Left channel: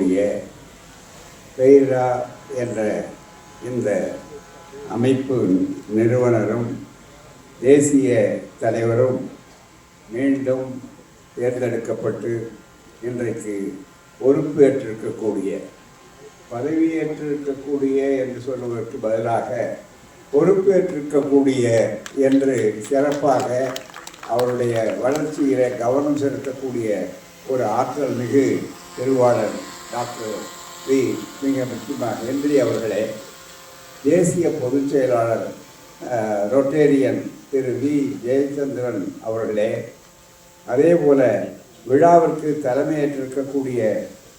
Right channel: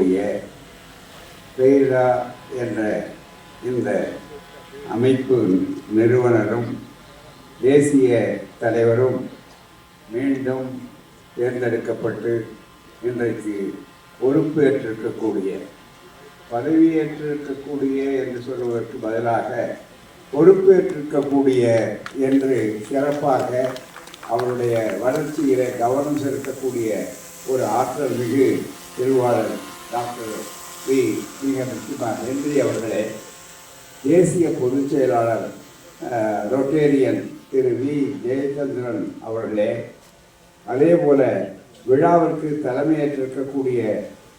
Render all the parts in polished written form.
இருக்கக்கூடிய பெய்ரா என்ற இந்த அமைப்பு நிறுவனரும் தேசிய தலைவரும் மீண்டும் தேர்ந்தெடுக்கப்பட்டு இன்றைக்கு பொறுப்பேற்றிருக்கக்கூடிய, பதவியேற்றிருக்கக்கூடிய என்று சொல்வதற்கு பதிலாக பொறுப்பேற்றிருக்கக்கூடிய என்று சிறப்பாக அவருடைய வளர்ச்சியிலே கவனம் செலுத்தக்கூடிய ஒரு ஆற்றல் மிகு திருவாளர் டாக்டர் மிக முக்கியமாக ஹென்றி அவர்களே, தேசிய பொதுச் செயலாளர் ரொட்டேரியன் திரு ஜெயச்சந்திரன் அவர்களே, அதே போல விழாவிற்கு தலைமையேற்றிருக்கக்கூடிய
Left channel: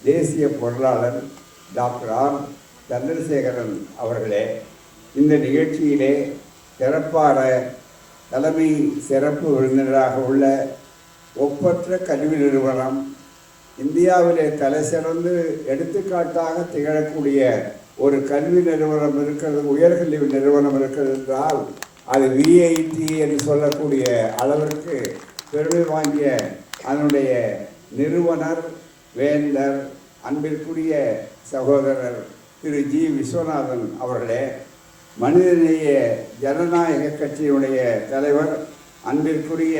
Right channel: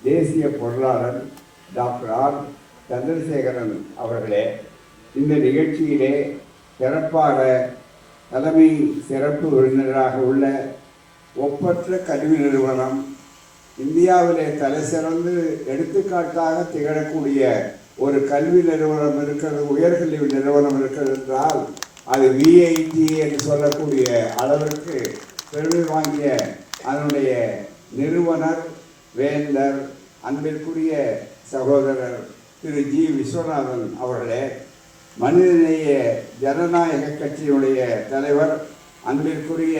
தேசிய பொருளாளர் டாக்டர் சந்திரசேகரன் அவர்களே, இந்த நிகழ்ச்சியிலே சிறப்பாக தலைமை சிறப்பு விருந்தினராக உள்ள ஒப்பற்ற கல்வி நிறுவனம், இந்தியாவிலே தலை சிறந்து எடுத்துக்காட்டாக திகழக்கூடிய ஒரு கல்வி நிறுவனம் இருக்கிறது, உயர்கல்வி நிறுவனம் இருக்கிறது என்றால் அது விஐடி என்று சொல்லக்கூடிய அளவிற்கு பெருமை வாங்கிய அதனுடைய நிறுவனர் வேந்தர் அன்பிற்குரிய சகோதரர் திரு விஸ்வநாதன் அவர்களே, மனிதநேய ஜனநாயக கட்சியினுடைய தலைவர் அன்பிற்குரிய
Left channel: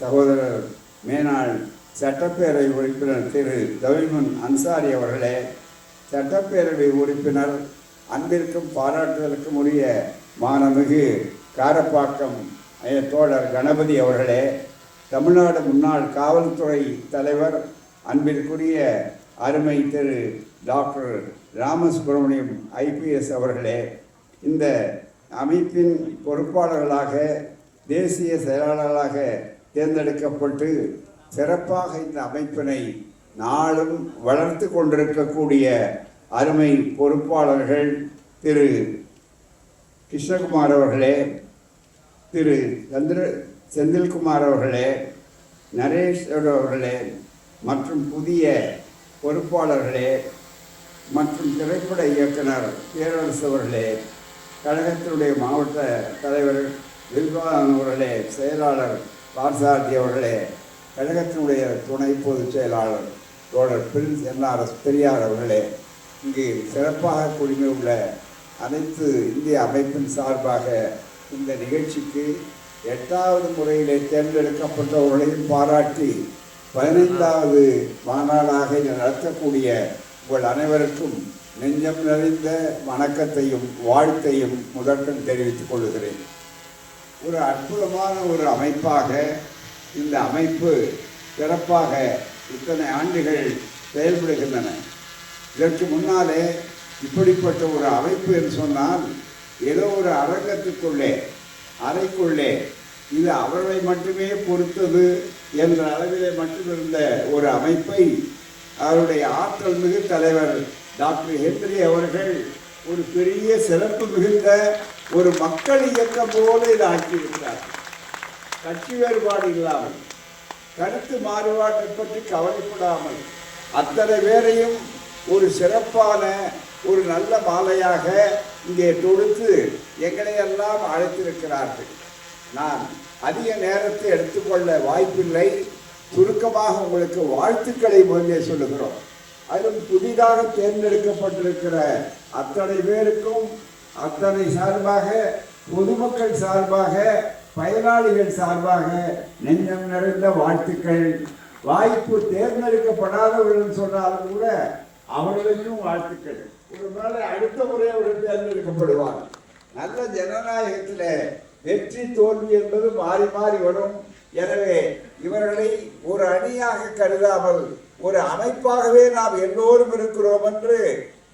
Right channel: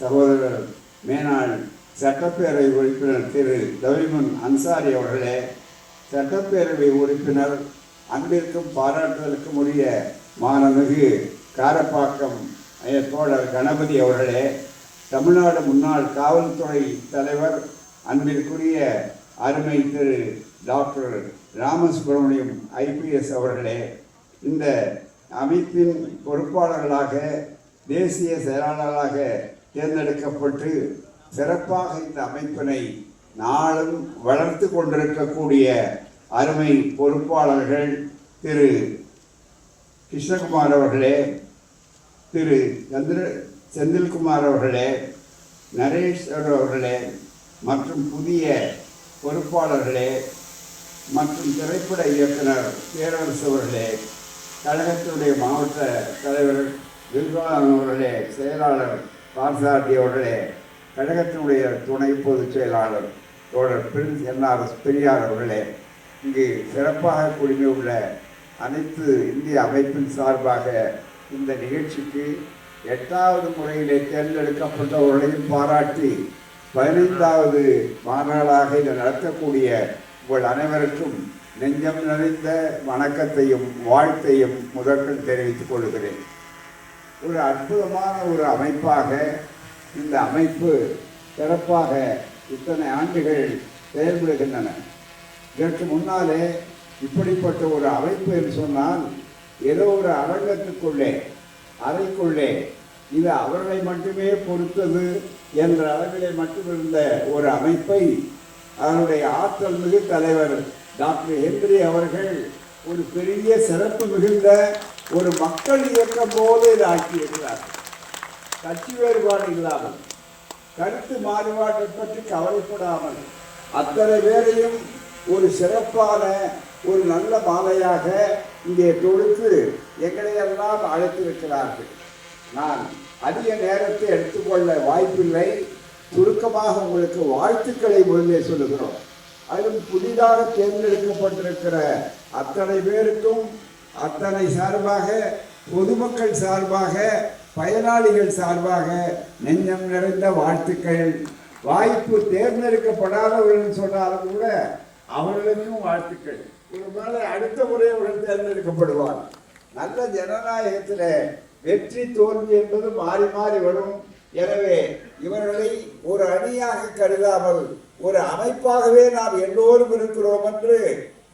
சகோதரர் மேனாள் சட்டப்பேரவை உறுப்பினர் திரு தவிமுன் அன்சாரி அவர்களே, சட்டப்பேரவை உறுப்பினர் அன்பிற்கும் பாராட்டுதலுக்கும் உரிய மானமிகு காரப்பாக்கம் தோழர் கணபதி அவர்களே, தமிழ்நாடு முன்னாள் காவல்துறை தலைவர் அன்பிற்குரிய அருமை திரு டாக்டர் ராமசுப்ரமணியம் ஐபிஎஸ் அவர்களே, இந்த அமைப்பின் பொறுப்பாளர்களாக தேசிய செயலாளர்களாக தேர்ந்தெடுக்கப்பட்டு சிறப்பாக இந்த அமைப்பினை நாளும் வளர்த்து கொண்டிருக்கக்கூடிய அருமை பொறுப்பாளர்கள் திரு கிருஷ்ணகுமார் அவர்களே, திரு செந்தில்குமார் அவர்களே, நரேஷ் அவர்களே மற்றும் புதிய பொறுப்பாளர்களே மற்றும் திரைப்பட இயக்குனர் பேரரசு அவர்களே, கழகத்தினுடைய மாவட்ட தலைவர் வில்வான் அவர்களே, செயலாளர் பார்சாரதி அவர்களே, கழகத்தினுடைய துணை பொதுச் செயலாளர் தோழர் பிரின்ஸ் என்ஆர்எஸ் பெரியார் அவர்களே, இங்கு சிறப்பாக குழுமியுள்ள அனைத்து இந்திய அமைப்பின் சார்பாக இந்த நிகழ்ச்சிக்கு 8வது முறையிலே தேர்ந்தெடுக்கப்பட்டவர்களையும் பாராட்டி 15வது மாநாடாக இதை நடத்தக்கூடிய உங்கள் அனைவருக்கும் நெஞ்சம் நிறைந்த வணக்கத்தையும் வாழ்த்தையும் முதற்கண் தெரிவித்துக் கொள்கிறேன். ஒரு அற்புதமான ஒரு அமைப்பாக இந்த அமைப்பு சிறப்பாக இத்தனை ஆண்டுகள் செயல்படுகின்றன. இதற்கு முன்னாலே இப்படிப்பட்ட ஒரு அமைப்பு என்று சொன்னால் ஏதோ ஒரு அரங்கத்துக்குள்ளே அறைக்குள்ளே இது அவர்களை மட்டுமே பொறுத்தது என்ற அளவிலே மட்டுமிருந்த ஒரு அமைப்பை அவருடைய ஆற்றல் மிகு தலைவர் டாக்டர் ஹென்றி அவர்கள் ஒரு பெரிய சிறப்பு மிகுந்த ஒரு மக்கள் இயக்கம் போல இதை ஆக்கியிருக்கிறார். கட்சி வேறுபாடு இல்லாமல், கருத்து மாறுபாட்டை பற்றி கவலைப்படாமல் அத்தனை பேரையும் ஒரு சிறப்பான ஒரு நல்ல மாலையாக இங்கே தொடுத்து எங்களை எல்லாம் அழைத்திருக்கிறார்கள். நான் அதிக நேரத்தை எடுத்துக்கொள்ள வாய்ப்பில்லை. சுருக்கமாக உங்களுக்கு வாழ்த்துக்களை முதலே சொல்லுகிறோம். அதிலும் புதிதாக தேர்ந்தெடுக்கப்பட்டிருக்கிற அத்தனை பேருக்கும் அத்தனை சார்பாக, பொதுமக்கள் சார்பாக, பயனாளிகள் சார்பாக நெஞ்சம் நிறைந்த வாழ்த்துக்கள். வாய்ப்பு தேர்ந்தெடுக்கப்படாதவர்கள் சொன்னாலும் கூட அவர்களுக்கும் வாழ்த்துக்கள். ஒரு நாள் அடுத்த முறை அவர்கள் தேர்ந்தெடுக்கப்படுவார். நல்ல ஜனநாயகத்தில் வெற்றி தோல்வி என்பது மாறி மாறி வரும். எனவே இவர்களை ஒரு அணியாக கருதாமல் ஒரு அமைப்பாகவே நாம் எல்லோரும் இருக்கிறோம் என்று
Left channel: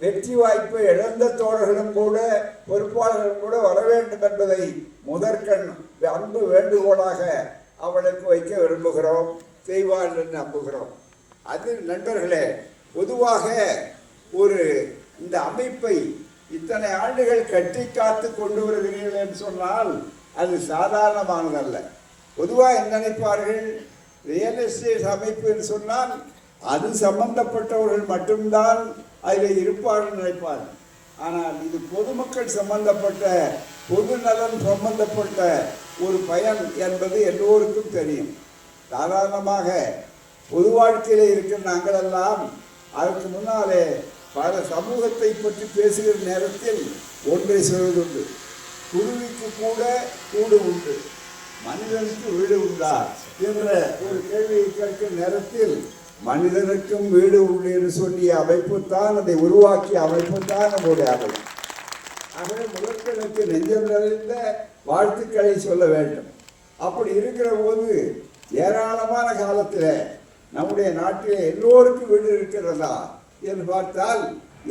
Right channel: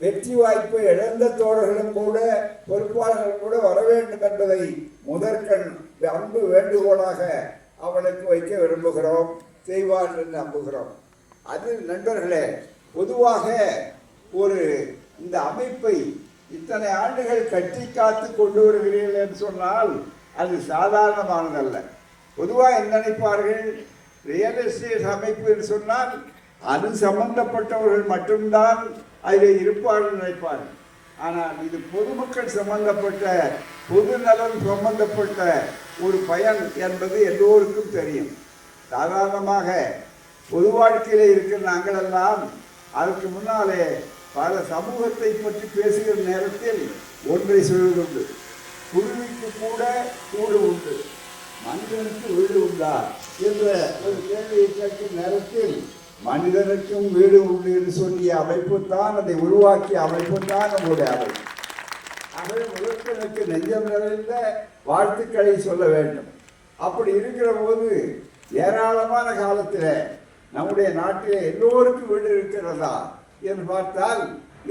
வெற்றி வாய்ப்பை இழந்த தோழர்களும் கூட பொறுப்பாளர்களும் கூட வர வேண்டும் என்பதை முதற்கண் அன்பு வேண்டுகோளாக அவளுக்கு வைக்க விரும்புகிறோம். செய்வார் என்று நம்புகிறோம். அது நண்பர்களே, பொதுவாக ஒரு இந்த அமைப்பை இத்தனை ஆண்டுகள் கட்டி காத்து கொண்டு வருகிறீர்கள் என்று சொன்னால் அது சாதாரணமானதல்ல. பொதுவாக என்ன நினைப்பார்கள், ரியல் எஸ்டேட் அமைப்பு என்று சொன்னால் அது சம்பந்தப்பட்டவர்கள் மட்டும்தான் அதில் இருப்பார்கள் நினைப்பார்கள். ஆனால் இது பொதுமக்கள் சம்பந்தப்பட்ட, பொது நலம் சம்பந்தப்பட்ட ஒரு பயன் என்பது எல்லோருக்கும் தெரியும். சாதாரணமாக பொது வாழ்க்கையில் இருக்கிற நாங்களெல்லாம் அதற்கு முன்னாலே பல சமூகத்தை பற்றி பேசுகிற நேரத்தில் ஒன்றை சொல்வதுண்டு, குருவிக்கு கூட கூடு உண்டு, மனிதனுக்கு வீடு உண்டா என்ற ஒரு கேள்வியை கேட்கும் நேரத்தில் மனிதனுக்கும் வீடு உண்டு என்று சொல்லிய அமைப்பு தான், அதை உருவாக்கிய அமைப்பு தான் நம்முடைய அறை. ஆகவே முதற்கனுக்கு நெஞ்சம் நிறைந்த வாழ்த்துக்களை சொல்ல வேண்டும். அப்படி இருக்கிற போது ஏராளமான காலத்தில் நம்முடைய நாட்டிலே எல்லோருக்கும் வீடு இருக்கிறதா என்று பார்த்தால்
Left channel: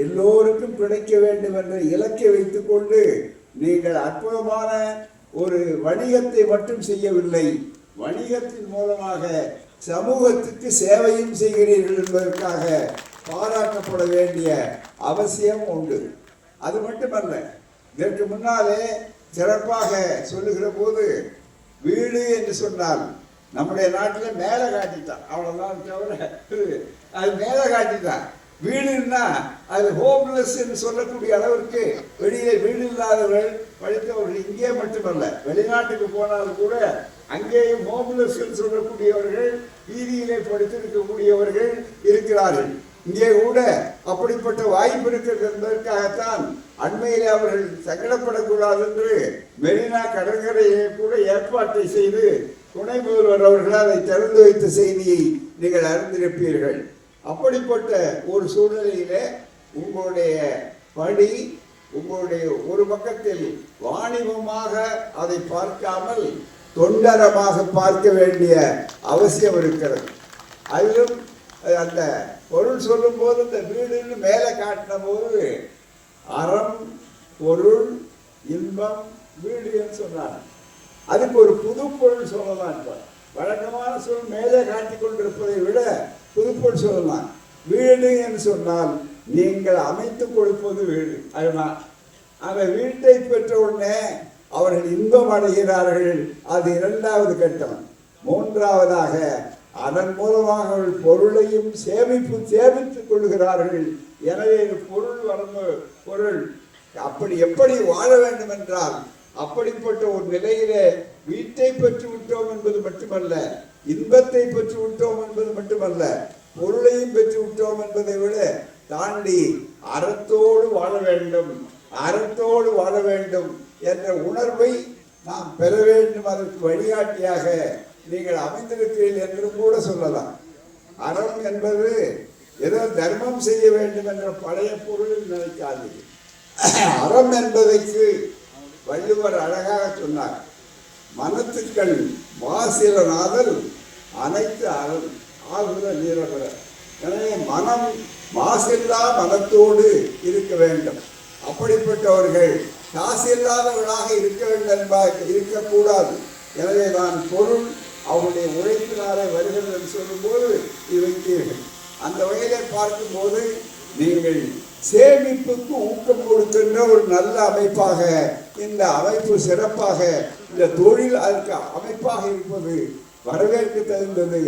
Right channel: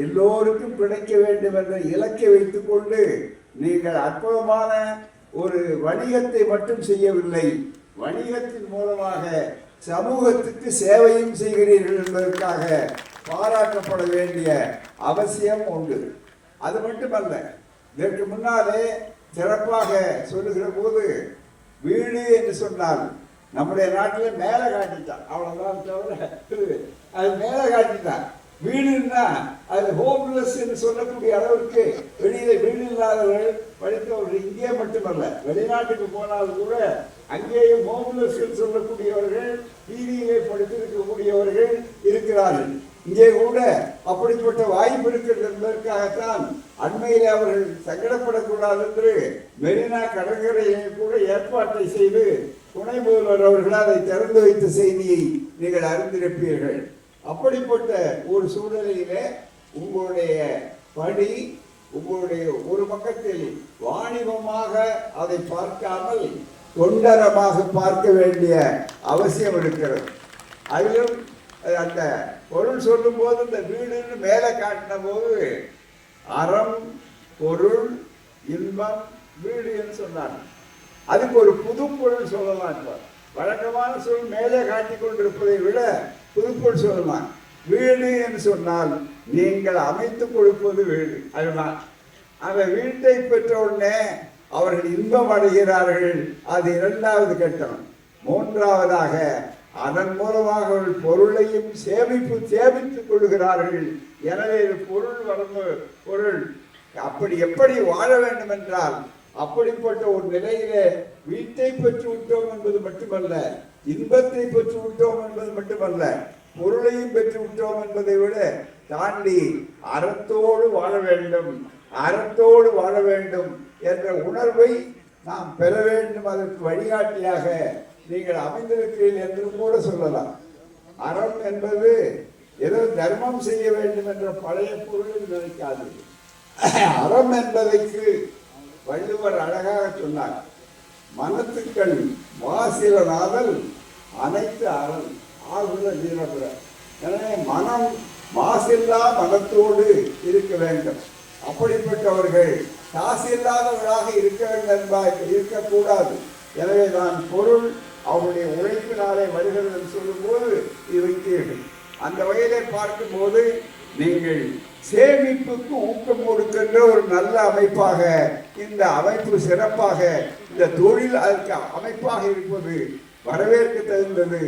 எல்லோருக்கும் கிடைக்க வேண்டும் என்ற இலக்கை வைத்துக்கொண்டு நீங்கள் அற்புதமான ஒரு வணிகத்தை மட்டும் செய்யவில்லை, வணிகத்தின் மூலமாக சமூகத்துக்கு சேவையும் செய்கிறீர்கள் என்பதற்காக பாராட்டப்பட வேண்டிய அவசியம் உண்டு. அது மட்டுமல்ல, இதற்கு முன்னாலே சிறப்பாக சொல்லுகிற போது வீடு என்று சொன்னால் நம்முடைய நாட்டில் மேலே காட்டிட்டான், அவ்வளோதான் தவிர அது மேலே காட்டிட்டான். வீடுன்னா அது ஹோம்லெஸ் என்று சொல்லக்கூடிய அளவிற்கு வெளியில வீடு இல்லாதவர்கள் படித்தவர்கள் இங்கே மட்டுமல்ல வெளிநாட்டுக்கு போனாலும் கூட அங்கேயும் ஹோம்லெஸ் என்று சொல்லக்கூடியவர்கள் வீதியிலே படித்திருக்கக்கூடியவர்கள் இருக்கிறார்கள். இங்கே கூட அப்படிப்பட்ட வாய்ப்பு இருக்கிறது என்பதற்காகத்தான் அண்மையில் அவர்கள் சங்கடப்படக்கூடாது என்று மெரினா கடற்கரையை கூட ஏற்பாட்டை செய்து துணை முதல்வர் அவர்கள் அதை திறந்து வைத்த செய்தியை நீங்கள் அறிந்திருப்பீர்கள். அப்படிப்பட்ட ஒரு சூழ்நிலையிலே உங்களுடைய பணி உங்களுடைய ஒரு பக்கத்தில் வாணிபமாக அதை பார்க்காமல் தொண்டரமாக பார்க்க வேண்டிய அவசியம் இருக்கிறது. அதிலும் அந்த பொருள் சொல்லும் போது இந்த வீடுன்னு மேலே காட்டின போது அறம் பொருள் இன்பம் வீடு என்று சொன்னாங்க. அதுக்கு ஒரு புது பொருள் சொல்லலாம். இப்போ வழக்கமான சொல் மேலே காட்டி கொண்டிருப்பதை விட புதுப்பொருள் சொல்லலாம். வீடு என்று சொன்னால் நீங்கள் அமைத்து கொடுப்பது வீடு. அதுதான் அந்த வீட்டை பெற்ற உடனே அவர்கள் இன்பம் அடைகிறார்கள், அது இரண்டாவது கட்டம். மூன்றாவதாக அதன் மூலமாக அவர்கள் பொருளையும் சேமித்துக் கொள்கிறார்கள். எனவே பொருள் அப்படி எப்படி வாழ வேண்டும் என்றால் அப்படிப்பட்ட ஒரு நிலையிலே வீட்டை பெற்று விட்டோம் என்பது மட்டுமல்ல, இன்பத்தை பெற்று விட்டோம் என்பது மட்டுமல்ல, பொருளையும் பெற்று விட்டோம் என்பதை விட தாண்டி அறத்தோடு வாழ வேண்டும், அறத்தோடு வாழ வேண்டும் என்ற உணர்வை நாம் பெற வேண்டும். அதற்கு வழிகாட்டியாக நீங்கள் அமைந்திருக்கிறீர்கள் என்று கூட சொல்லலாம். அறம் என்பது ஏதோ தர்மம் செய்ய வேண்டும் என்ற பழைய பொருளில் நினைக்காது. அறம் என்பதற்கு வள்ளுவர் அழகாக சொன்னார், மனத்துக்கள் வாசிலனாதல் அனைத்து அறம் ஆகுல நீரபுர. எனவே மனம் மாசில்லா மனத்தோடு இருக்க வேண்டும். அப்படிப்பட்டவர்கள் காசு இல்லாதவர்களாக இருக்க வேண்டும் என்பார், இருக்கக்கூடாது. எனவே நான் பொருள் அவருடைய உழைப்பினாலே வருகிறது என்று சொல்லும்போது இது வைத்தீர்கள். அந்த வகையிலே பார்க்கும்போது நீங்கள் சேமிப்புக்கு ஊக்கம் கொடுக்கின்ற ஒரு நல்ல அமைப்பாக இந்த அமைப்பு சிறப்பாக இந்த தொழில் அதற்கு அமைப்பாக இருப்பது வரவேற்க தகுந்தது.